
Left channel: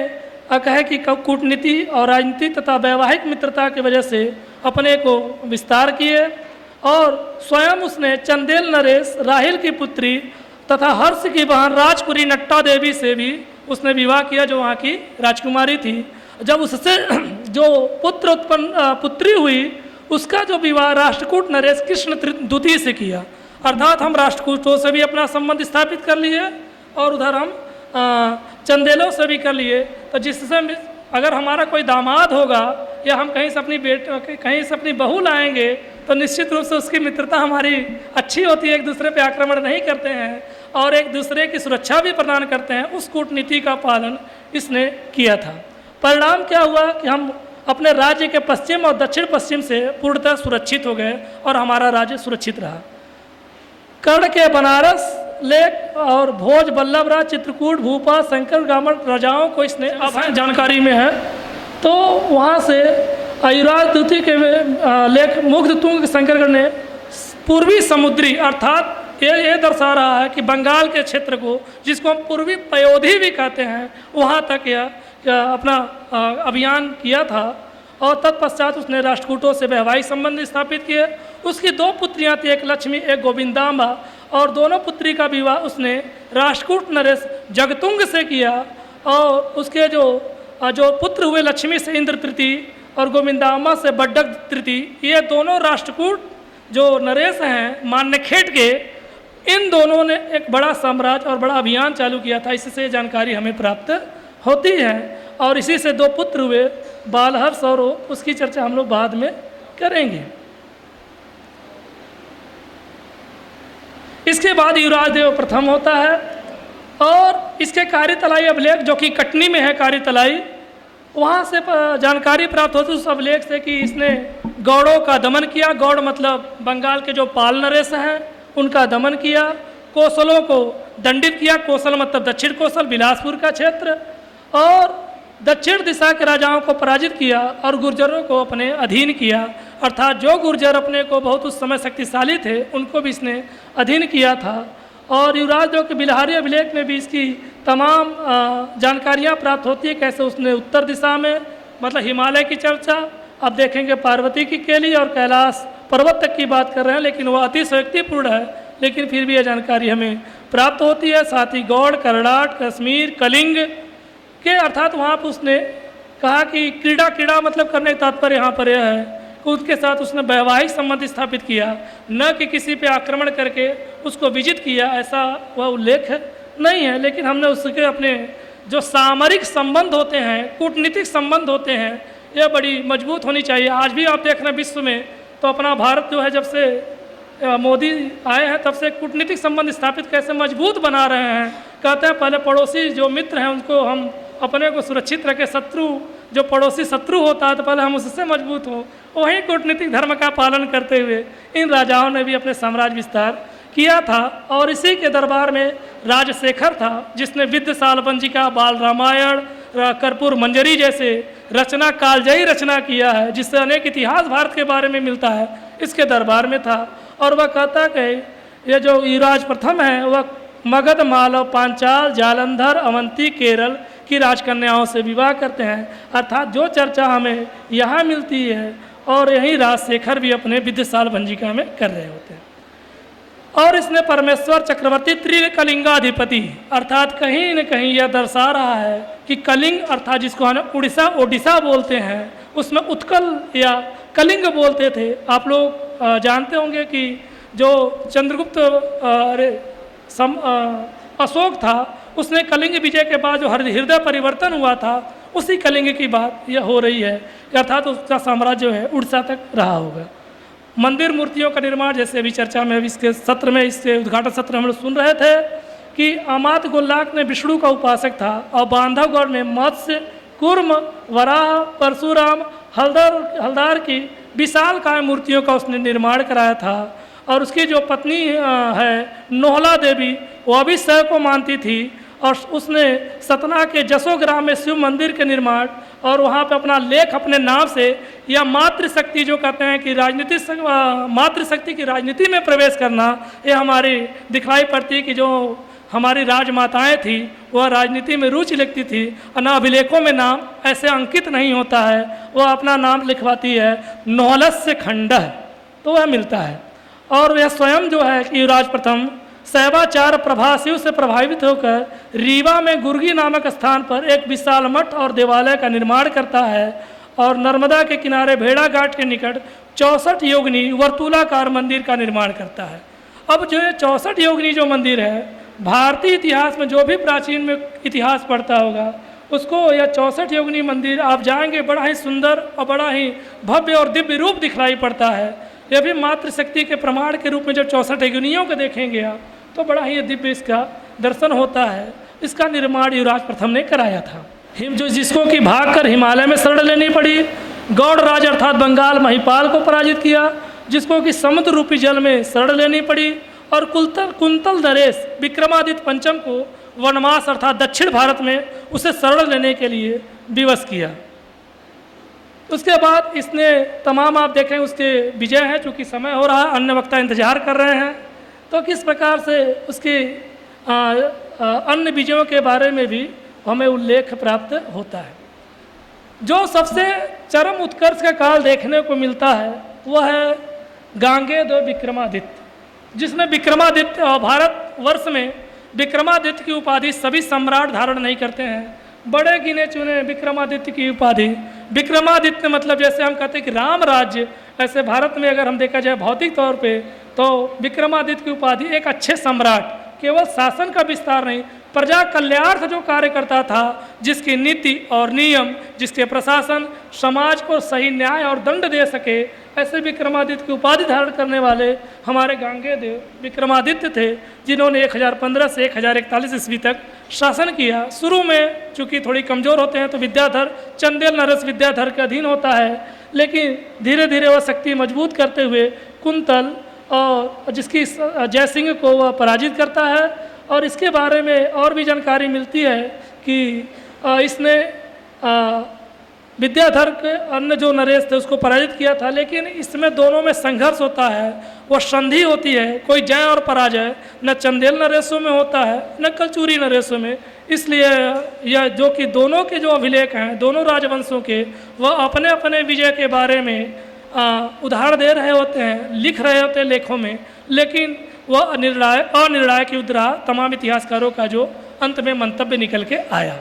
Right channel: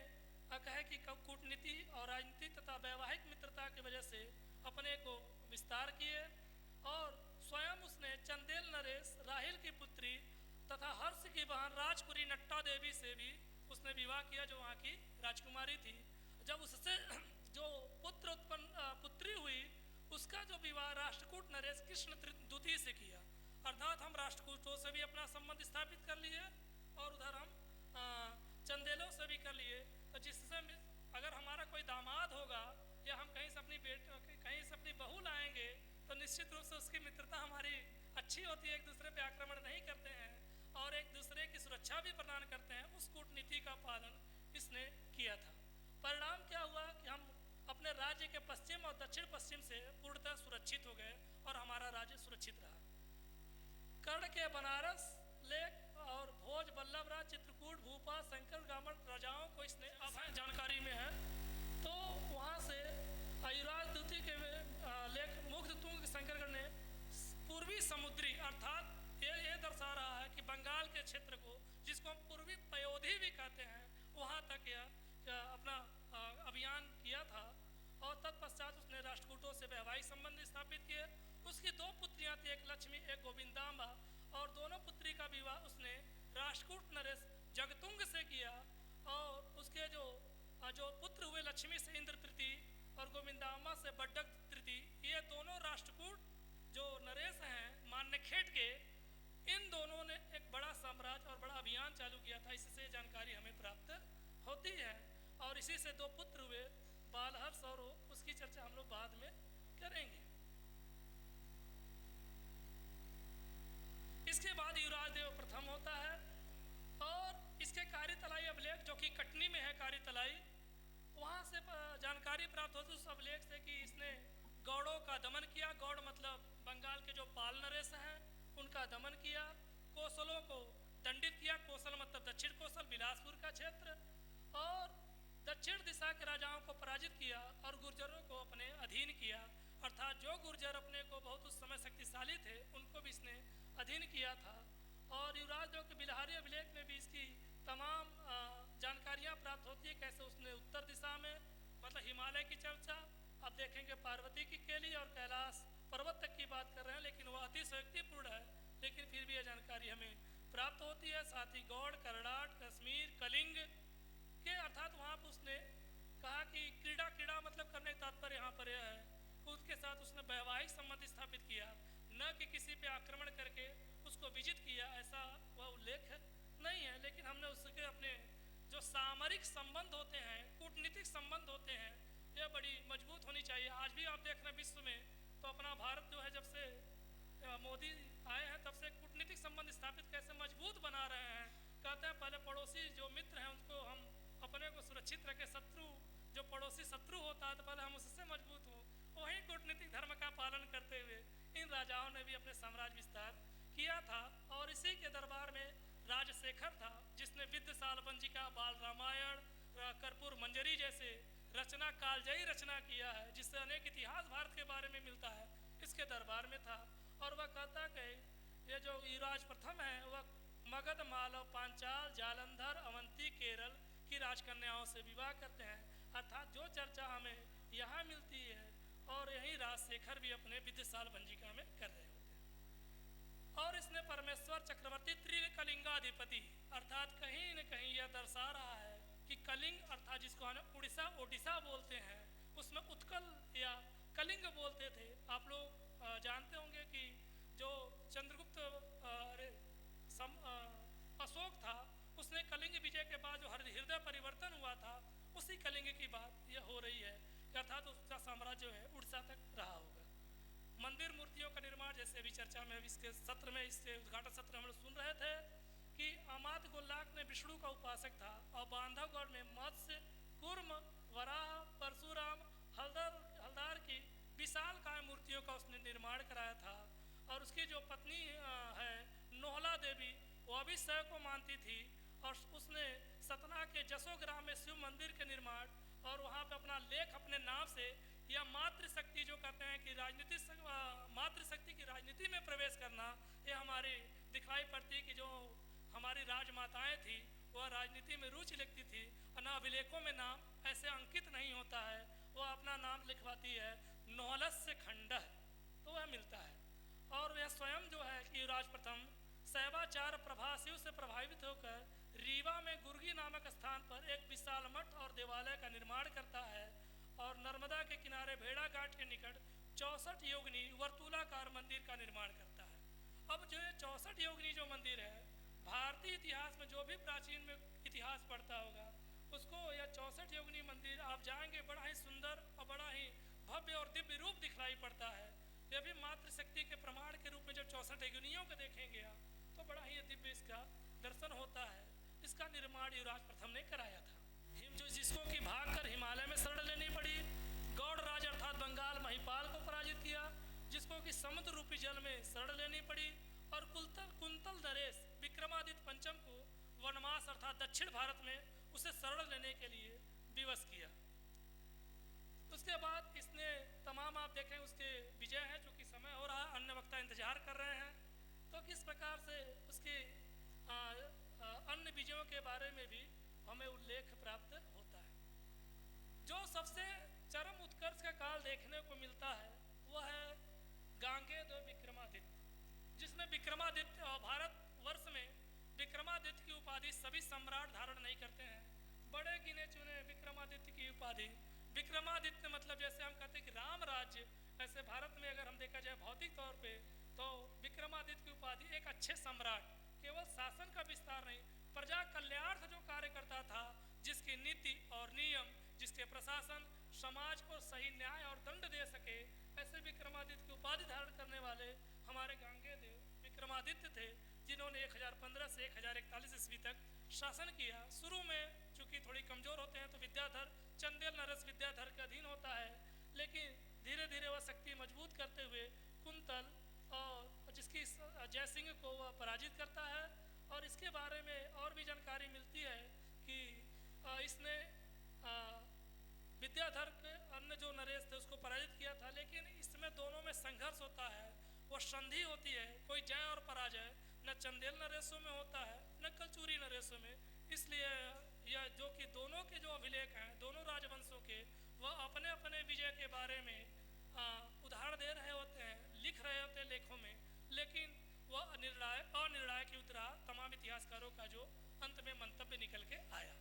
कहे कि कूटनीति और राजनीति तथा वैवाहिक मित्रता की वजह से अपने को विस्तार किए। और स्वयं उसने चंदेल नरेश राहिल की पुत्री तथा हर्ष की बहन राजकुरी नट्टा देवी से भी उसने विवाह किया, जो वहाँ की राजकुमारी थी। जब उससे जो पुत्री हुई, उसका जो विवाह राष्ट्रकूट नरेश कृष्ण द्वितीय से किया। अर्थात हम राष्ट्रकूटों से भी अपना संबंध स्थापित कर लिए और उधर हम चंदेलों से भी कर लिए। तो जिससे अगर हमारा कोई दामाद होगा या हम कहीं से अपनी बहू लाएंगे तो निश्चित रूप से उसकी मित्रता हमारी अच्छी होती है, एक दूसरे पे आक्रमण नहीं करते हैं और एक दूसरे की सुरक्षा भी प्रदान करते हैं। उस कूटनीति का पालन इसने किया था। परिणाम क्या हुआ कि हम अपने राज्य के पश्चिम और दक्षिण पश्चिम से पूर्णतः सुरक्षित हो गए और हमारा राज्य सुरक्षित रहा। कर्ण के बनारस, लेख और भोज, बल्लभराज, चित्रकूट, भूपा, शंकर ग्रामण राजाओं को इसने अब जानकारी में है। तो वहाँ से युवराज द्वितीय के लेख मुग्ध तुंग शंकरगढ़ ने पूर्वी समुद्री, अर्थात ये दर्शा रहा है कि बंगाल के क्षेत्र को, जिसको हम पूर्वी पयोधी भी कहते हैं, वहाँ तक यह अपना अभियान किया था। और तत्पश्चात उसने राष्ट्रकूटों से वैवाहिक संबंध स्थापित किए। उसकी दो पुत्रियां थी, एक लक्ष्मी, एक गोविंदाम्बा, और दोनों पुत्री का विवाह उसने राष्ट्रकूट नरेश जगतुंग से किया। और उसके जो पुत्र हुए, लक्ष्मी से इंद्र तृतीय और गोविंदाम्बा से बड्डक तृतीय, ये दोनों राष्ट्रकूट जो नरेश हैं मान्यखेट के, इन दोनों ने एक बड़ा साम्राज्य और बड़ा अभियान चालू किया था। इससे जानकारी हमें प्राप्त होती है। और इसी से दो पुत्र हुए, बालहर्ष और उसकी चर्चा हम लोग बाद में करेंगे। इसके बाद युवराजदेव प्रथम होता है और इसके कार्यतलाई अभिलेख, जो कि कटनी में है कार्यतलाई, वहाँ से जानकारी प्राप्त होती है उस अभिलेख से कि इसने गौड़ों का दमन किया। गौड़ मतलब बंगाल के जो पाल नरेश हैं उनका दमन किया। कोसलों को दंडित किया। कोसल मतलब दक्षिण कोसल, बिलासपुर का क्षेत्र, और दक्षिण दिशा के राजाओं को पराजित किया और गुर्जरों को अपने अधीन किया। अर्थात जो गुर्जर अपने को बहुत उस समय शक्तिशाली थे उनको भी इसने अधीन किया था। और युवराजदेव के बिलहारी अभिलेख में भी इसकी तमाम जानकारियाँ प्राप्त होती है, कैसे उसने उत्तर दिशा में, मतलब हिमालय की चर्चा, अब देखेंगे पार्वती की केली और कैलाश पर्वत तक की बात कर रहे हैं, लेकिन वह अतिशयोक्तिपूर्ण है, लेकिन फिर भी यह जानकारी हमें प्राप्त होती है। साथ ही गौड़, करनाट, कश्मीर, कलिंग के, अर्थात वहाँ पर उसने कहा कि क्रीड़ा मतलब करने का तात्पर्य यहाँ पर यह है कि उसके साथ उसने वैवाहिक संबंध स्थापित किया, न कि किसी पे आक्रमण करके उसको विजित किया, ऐसा वह उल्लेख नहीं है। लेकिन हमने उसके अपने जो सामरिक संबंध होते हैं, कूटनीतिक संबंध होते हैं, यह बड़ी मजबूत होनी चाहिए। आज भी आप देख रहे हैं विश्व में, तो अपना भारत जो है, जब से मोदी आए हैं तब से कूटनीतिक संबंध स्थापित कैसे मजबूत बना रहे हैं। कहते हैं पहले पड़ोसी जो मित्र हैं उनको हम अपने को सुरक्षित रखें, शत्रु जो पड़ोसी शत्रु होता है तो पहले हम उससे मजबूत हों। वहीं कूटनीतिक धर्म का पालन करते हुए इन राजाओं ने भी अपने साम्राज्य विस्तार किया था। और इसी के दरबार में राजशेखर था, जिसने विद्य सालबंजिका, बाल रामायण, कर्पूर मंजरी जैसे रचना, कालजयी रचना किया है, जिससे अनेक इतिहास भारत के बारे में मिलता है, इसके दरबार में था। और वह कहता कि ये जो युवराज प्रथम है वह मगध, मालव, पांचाल, जालंधर, अवंती, केरल की राजकन्याओं से विवाह करते हैं। अर्थात जो चर्चा हमें यहाँ मिलती है और यहीं राजशेखर भी अपने विद्य सालबंजिका में कर रहे होते हैं। और इसने परमेश्वर चक्रवर्ती त्रिकलिंगाधिपति, अर्थात कहीं न कहीं यह दर्शा रहा है कि कलिंग अर्थात जिसको हम उड़ीसा ओडिशा बोलते हैं, उसमें उत्कल या कलिंग बोलते थे। आप लोग जानते होंगे कि जो चंद्रगुप्त अशोक था, उसने कलिंग विजय के बाद जो हृदय परिवर्तन हुआ था, उसी कलिंग की बात यह हो रही है, अर्थात उसका साम्राज्य है उड़ीसा तक रहा होगा। मंदिर मूर्तियों का निर्माण, जैसे अभी चर्चा में अभी इसके सत्र में, इसके उद्घाटन सत्र में हम लोग सुन रहे थे कि अमात गोल्लाक ने विष्णु का उपासक था और बांधवगढ़ में मत्स्य, कुर्म, वराह, परशुराम, हलदार की विशाल काय मूर्तियों का उसने निर्माण कराया था। और उसकी जो पत्नी है नोहला देवी, वह भी शैव को मानती थी और उसने सतना के जसोग्राम में शिव मंदिर के निर्माण और वहाँ पे अपना लेख अपने नाम से, या मातृशक्ति जो कहते हैं कि मातृशक्ति की राजनीति में प्रवेश करना, ये हमारी दिखाई पड़ती कि जो हमारी राजमाताएं थी वह राजनीति में रुचि लेती थी और न अभिलेखों में नाम ऐसे अंकित नहीं होता है, वह अपना नाम लिखवाती है नौलस्य खंड, तो वह मिलता है। और यह स्वयं जो है कि युवराज प्रथम शैवाचार प्रभा शिव से प्रभावित होकर रीवा में गुर्गी नामक स्थान पर एक विशाल मठ और देवालय का निर्माण करता है और नर्मदा के किनारे भेड़ा घाट के निकट 64 योगिनी वर्तुलाकार मंदिर का निर्माण करता है। अब जो 64 योगिनी जो मंदिर है, भारतीय इतिहास में जो भी प्राचीन में इतिहास पढ़ता होगा उसको यह 64 योगिनी मंदिर आप जाएंगे, बड़ा ही सुंदर और बड़ा ही भव्य और दिव्य रूप दिखलाई पड़ता है। यह भी मातृशक्ति के प्रमाण के रूप में जब 64 योगिनियों को देखेंगे आप, तो बड़ा ही दिव्य इसका दर्शन होता है। इसका निर्माण युवराज प्रथम ने कराया था, जिसको कि भागकर हिमालय में शरण लेनी पड़ी। गौड़ राज अर्थात बंगाल महिपाल को पराजित किया, जिसको कि समुद्र रूपी जल में शरण लेनी पड़ी। और कुंतल नरेश विक्रमादित्य पंचम को वनवास अर्थात दक्षिण भारत में उसे शरण लेने के लिए विवश किया। उसके बाद इसने तमाम आप देखें उसके विजय हैं, चूँकि समय हो रहा है, अन्य वक्ता इंतजार कर रहे हैं, तो किस प्रकार से उसके अन्य विजयों के बारे में भी हमें उल्लेख प्राप्त होता है। जो सबसे चरम उत्कर्ष का काल देखने को मिलता है वह है गांगेय विक्रमादित्य, जिसमें विक्रमादित्य और भारतवर्ष में विक्रमादित्य की उपाधि सभी सम्राट धारण नहीं करते हैं। बड़े गिने चुने विक्रमादित्य की उपाधि, विक्रमादित्य मतलब जैसे हम कहते हैं कि राम राज्य, ऐसे भारत में अगर हम देखा जाए भौतिक तौर पे, तो विक्रमादित्य की उपाधि एक अच्छे सम्राट, केवल शासन का विस्तार नहीं, प्रजा कल्याणार्थ जो कार्य करता था, जिसकी नीति और नियम, जिसके प्रशासन समाज को सही न्याय और दंड दे सके, ऐसे विक्रमादित्य की उपाधि धारण करने वाले हमारे गांगेय देव विक्रमादित्य थे, जिन्होंने 1015 से 1041 ईस्वी तक शासन किया। शुरू में चूँकि थोड़ी कमज़ोर होते हैं तो विद्याधर, चंदेल नरेश विद्याधर के अधीन होता है, लेकिन धीरे धीरे वह शक्ति मजबूत करते हुए कुंतल और जिसकी जयसिंह को वह पराजित करता है। और इसके बारे में और भी जानकारी मिलती है कि इसने विद्याधर के अन्य जो नरेश थे उसको पराजित किया था, लेकिन इसमें दोनों में संघर्ष होता है, वो संधि होती है, कोई जय और पराजय न चंदेल नरेशों में होता है न कलचूरी नरेशों में। इसलिए यह जो कि दोनों के जो अभिलेख हैं दोनों राजवंशों के, वह अपने अपने विजय के बारे में उदाहरण दे रहे होते हैं, लिख रहे होते हैं लेखों में, लेकिन वह अनिर्णायक युद्ध रहा, तमाम इतिहासकारों का जो अंत में मंतव्य निकल के आया।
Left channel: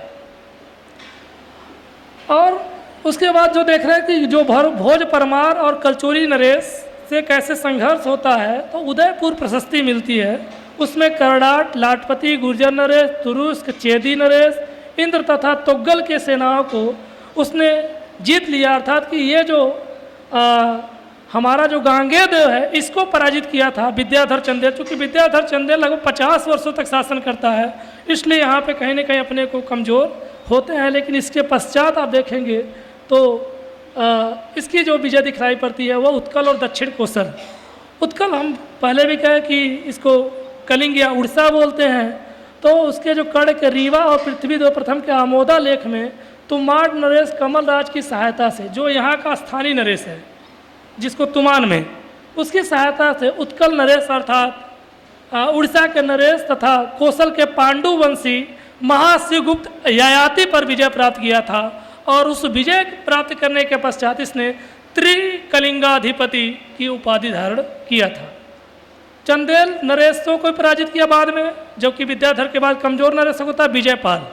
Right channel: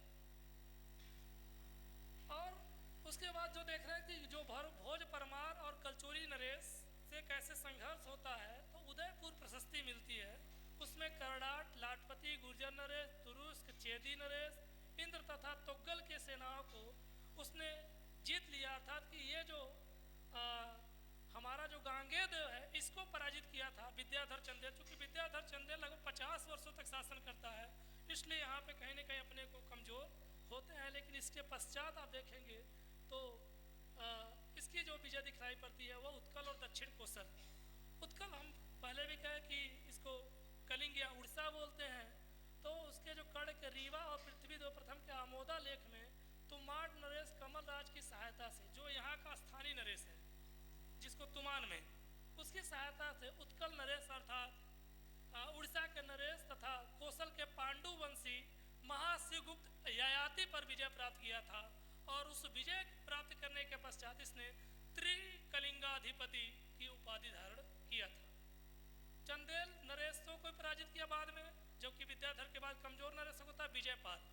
और उसके बाद जो देख रहे हैं कि जो भोज परमार और कलचूरी नरेश से कैसे संघर्ष होता है, तो उदयपुर प्रशस्ति मिलती है, उसमें करड़ाट, लाटपति, गुर्जर नरेश, तुरुस्क, चेदी नरेश, इंद्र तथा तोग्गल के सेनाओं को उसने जीत लिया। अर्थात कि ये जो हमारा जो गांगेय देव है इसको पराजित किया था विद्याधर चंदेल। चूँकि विद्याधर चंदेल लगभग 50 वर्षों तक शासन करता है, इसलिए यहाँ पे कहीं ना कहीं अपने को कमज़ोर होते हैं। लेकिन इसके पश्चात आप देखेंगे तो इसकी जो विजय दिखलाई पड़ती है वह उत्कल और दक्षिण कोसल। उत्कल हम पहले भी कहे कि इसको कलिंग या उड़ीसा बोलते हैं, तो उसके जो कर्ण के रीवा और पृथ्वीदेव प्रथम के आमोदा लेख में तुमाड़ नरेश कमल राज की सहायता से, जो यहाँ का स्थानीय नरेश है जिसको तुमान में, उसकी सहायता से उत्कल नरेश अर्थात उड़ीसा के नरेश तथा कौशल के पांडु वंशी महाशिवगुप्त ययाति पर विजय प्राप्त किया था। और उस विजय प्राप्त करने के पश्चात इसने त्रिकलिंगाधिपति की उपाधि धारण किया था। चंदेल नरेशों को पराजित किया बाद में, जबकि विद्याधर के बाद कमजोर नरेशक होता विजयपाल।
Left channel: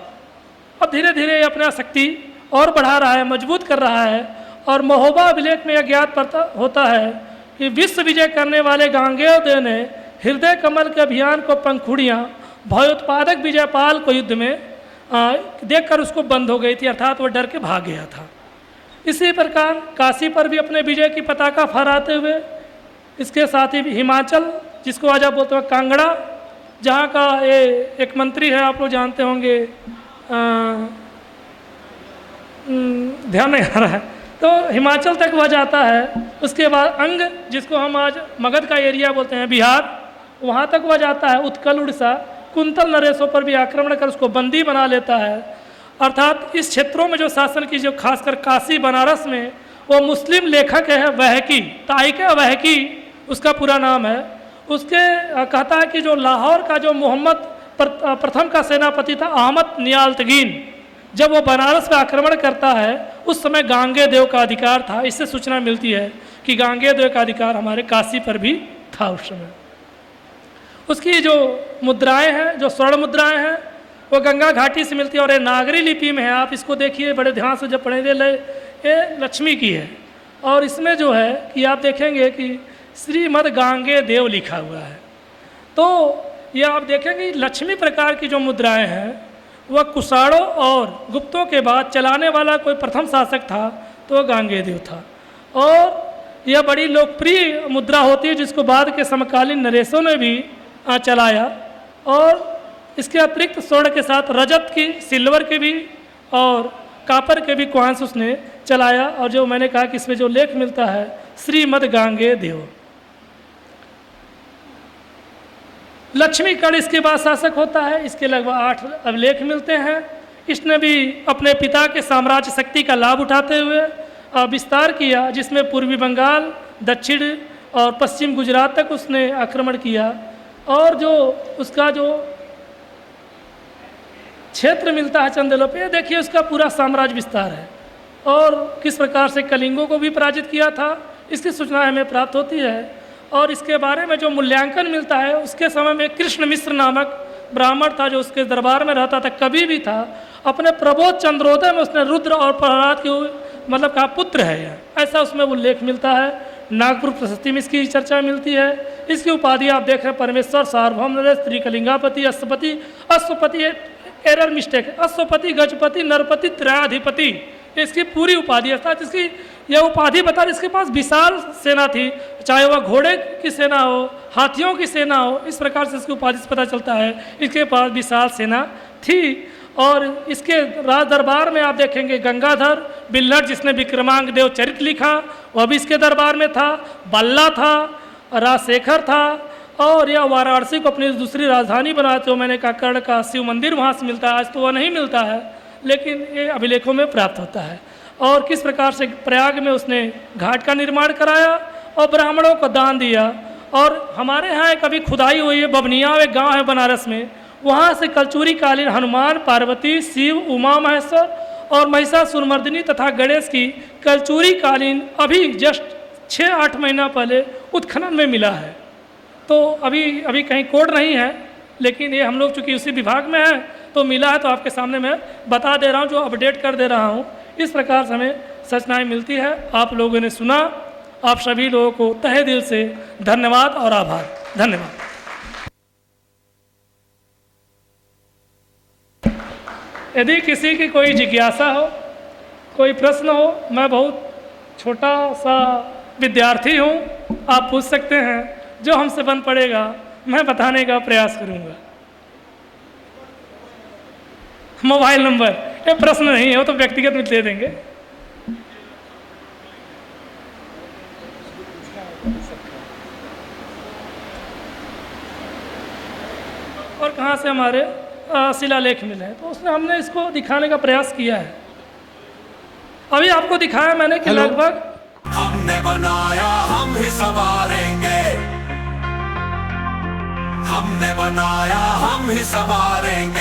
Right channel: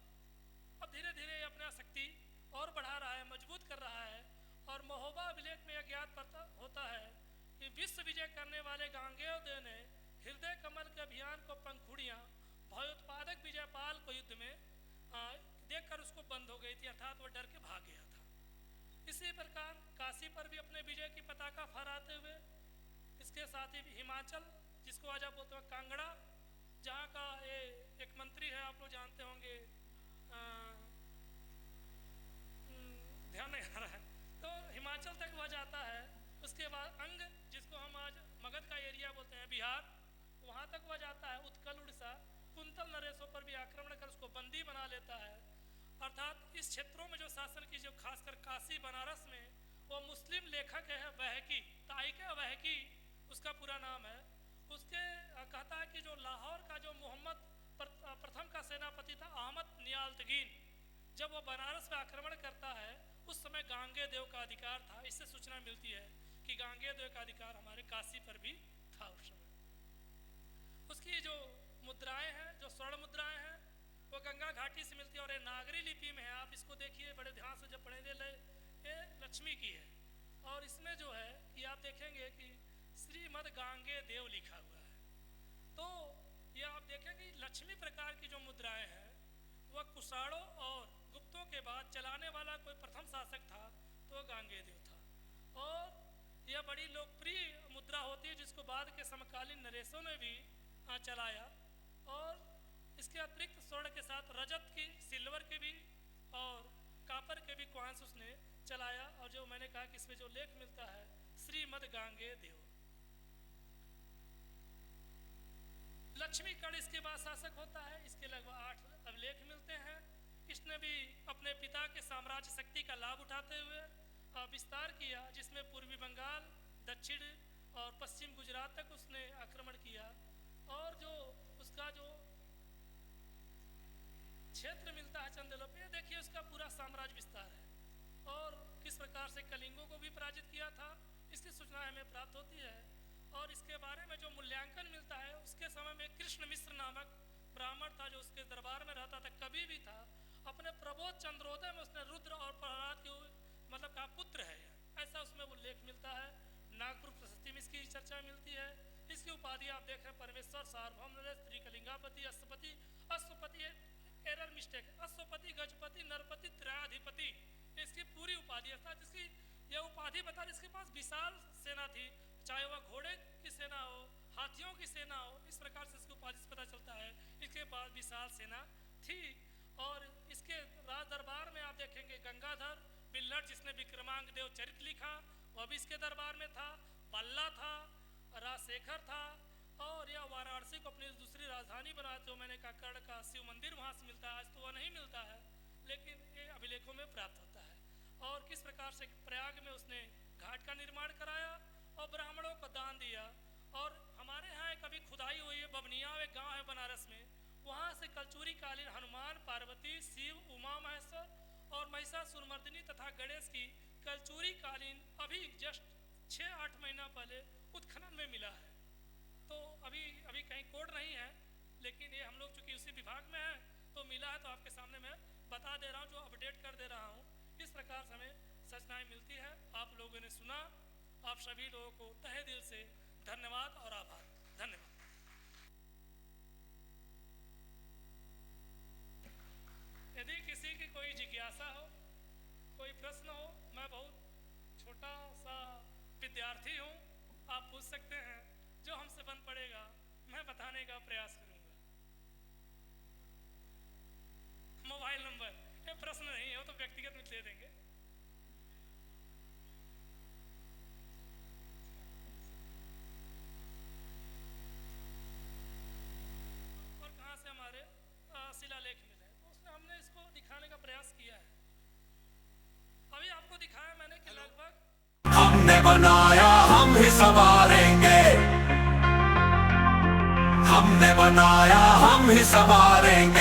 अब धीरे धीरे ये अपना शक्ति और बढ़ा रहा है, मजबूत कर रहा है। और महोबा अभिलेख में यह ज्ञात होता है कि विश्व विजय करने वाले गांगेय देव ने हृदय कमल के अभियान को पंखुड़ियाँ भयोत्पादक विजयपाल को युद्ध में देखकर उसको बंद हो गई थी, अर्थात वो डर के भाग गया था। इसी प्रकार काशी पर भी अपने विजय की पताका फहराते हुए, इसके साथ ही हिमाचल, जिसको आज आप बोलते हैं कांगड़ा, जहाँ का ये एक मंत्री है, आप लोग जानते होंगे, ध्यान नहीं आ रहा है, तो हिमाचल तक वह जाता है। उसके बाद अंग, जिसको हम आज मगध का एरिया बोलते हैं, बिहार, वहाँ तक वह जाता है। उत्कल, उड़ीसा, कुंतल नरेशों पर भी आक्रमण कर उसको बंदी बना लेता है। अर्थात इस क्षेत्रों में जो शासन की, जो खासकर काशी बनारस में, वो मुस्लिम लेखक है वहकी, ताइक वहकी उसका पूरा नाम है। उसके कहता है कि जो लाहौर का जो मोहम्मद प्रथम का सेनापति था अहमद नियालतगीन, जब वो बनारस पर आक्रमण करता है उस समय गांगे देव का अधिकार था। इससे सूचना मिलती है कि गांगे देव का अधिकार हमारे काशी पर भी था उस समय। उसकी जो मुद्राएं हैं, जो स्वर्ण मुद्राएं हैं, वो गंगा घाटी से मिलती है और ये नागरी लिपि में है। आप इसको देखिए बड़े ध्यान से, जब पढ़ेंगे, ये लक्ष्मी की है। और इसमें जो है कि आप देखेंगे कि श्रीमद गांगे देव लिखा हुआ है। तो ये आप देखेंगे लक्ष्मी प्रकार की जो मुद्राएं हैं वह कुषाणों और गुप्तों के बाद चलाने वाला कोई प्रथम शासक था तो वह गांगे देव था। और यह बड़ी लोकप्रिय मुद्रा होती है जिसको बाद के समकालीन नरेशों ने भी चलाया। और इसके अतिरिक्त स्वर्ण के साथ रजत की, सिल्वर के भी और कापर के भी कॉइन्स उसने चलाया। और जो मैंने कहा कि इसमें जो लेख मिलता है श्रीमद गांगे देव। लक्ष्मीगढ़ इसके बाद शासक होता है। इसके लगभग 8 अभिलेख मिलते हैं। इसने भी अपने पिता के साम्राज्य शक्ति का लाभ उठाते हुए विस्तार किया, जिसमें पूर्वी बंगाल, दक्षिण और पश्चिम गुजरात तक उसने आक्रमण किया। और जो उसका जो क्षेत्र मिलता है चंदेलों पे, देखिए उसका पूरा साम्राज्य विस्तार है। और किस प्रकार से कलिंगों को भी पराजित किया था इसकी सूचना हमें प्राप्त होती है। और इसके बारे में जो मूल्यांकन मिलता है, उसके समय में कृष्ण मिश्र नामक ब्राह्मण था जो उसके दरबार में रहता था, कवि भी था। अपने प्रबोध चंद्रोदय में उसने रुद्र और प्रहलाद के मतलब का पुत्र है यह, ऐसा उसमें उल्लेख मिलता है। नागपुर प्रशस्ति में इसकी चर्चा मिलती है। इसकी उपाधि आप देख रहे हैं परमेश्वर, सार्वभौम नरेश, त्रिकलिंगापति, अश्वपति। अश्वपति एरर मिस्टेक है, अश्वपति, गजपति, नरपति, त्रयाधिपति, इसकी पूरी उपाधि है। अर्थात इसकी यह उपाधि बता इसके पास विशाल सेना थी, चाहे वह घोड़े की सेना हो, हाथियों की सेना हो। इस प्रकार से इसकी उपाधि से पता चलता है इसके पास विशाल सेना थी। और इसके राज दरबार में आप देखेंगे गंगाधर बिल्लट, जिसने विक्रमांक देव चरित्र लिखा, वह भी इसके दरबार में था। बल्ला था, राजशेखर था। और यह वाराणसी को अपनी दूसरी राजधानी बनाते हो, मैंने कहा कर्ण का शिव मंदिर वहाँ से मिलता है। आज तो वह नहीं मिलता है, लेकिन ये अभिलेखों में प्राप्त होता है। और किस प्रकार से प्रयाग में उसने घाट का निर्माण कराया और ब्राह्मणों को दान दिया। और हमारे यहाँ एक अभी खुदाई हुई है, बबनिया एक गांव है बनारस में, वहाँ से कलचुरी कालीन हनुमान, पार्वती, शिव, उमा महेश्वर और महिषासुरमर्दिनी तथा गणेश की कलचुरी कालीन अभी जस्ट 6-8 महीना पहले उत्खनन में मिला है। तो अभी कहीं कोड नहीं है, लेकिन ये हम लोग चूँकि उसी विभाग में हैं तो मिला है, तो आपके सामने मैं बता दे रहा हूँ, जो अपडेट कर दे रहा हूँ। इस प्रकार से हमें सूचनाएँ मिलती है। आप लोगों ने सुना, आप सभी लोगों को तहे दिल से धन्यवाद और आभार। धन्यवाद। यदि किसी की कोई जिज्ञासा हो, कोई प्रश्न हो, मैं बहुत छोटा सा विद्यार्थी हूँ, आप पूछ सकते हैं। जो हमसे बन पड़ेगा मैं बताने का प्रयास करूँगा। मोबाइल नंबर, ये प्रश्न नहीं हो तो व्यक्तिगत में दे देंगे। और कहाँ से हमारे शिलालेख मिले हैं, तो उसने हमने इसको दिखाने का प्रयास किया है। अभी आपको दिखाया मैंने कि लगभग हमने बनाया हम ही संवारेंगे, हमने बनाया हम ही संवारेंगे।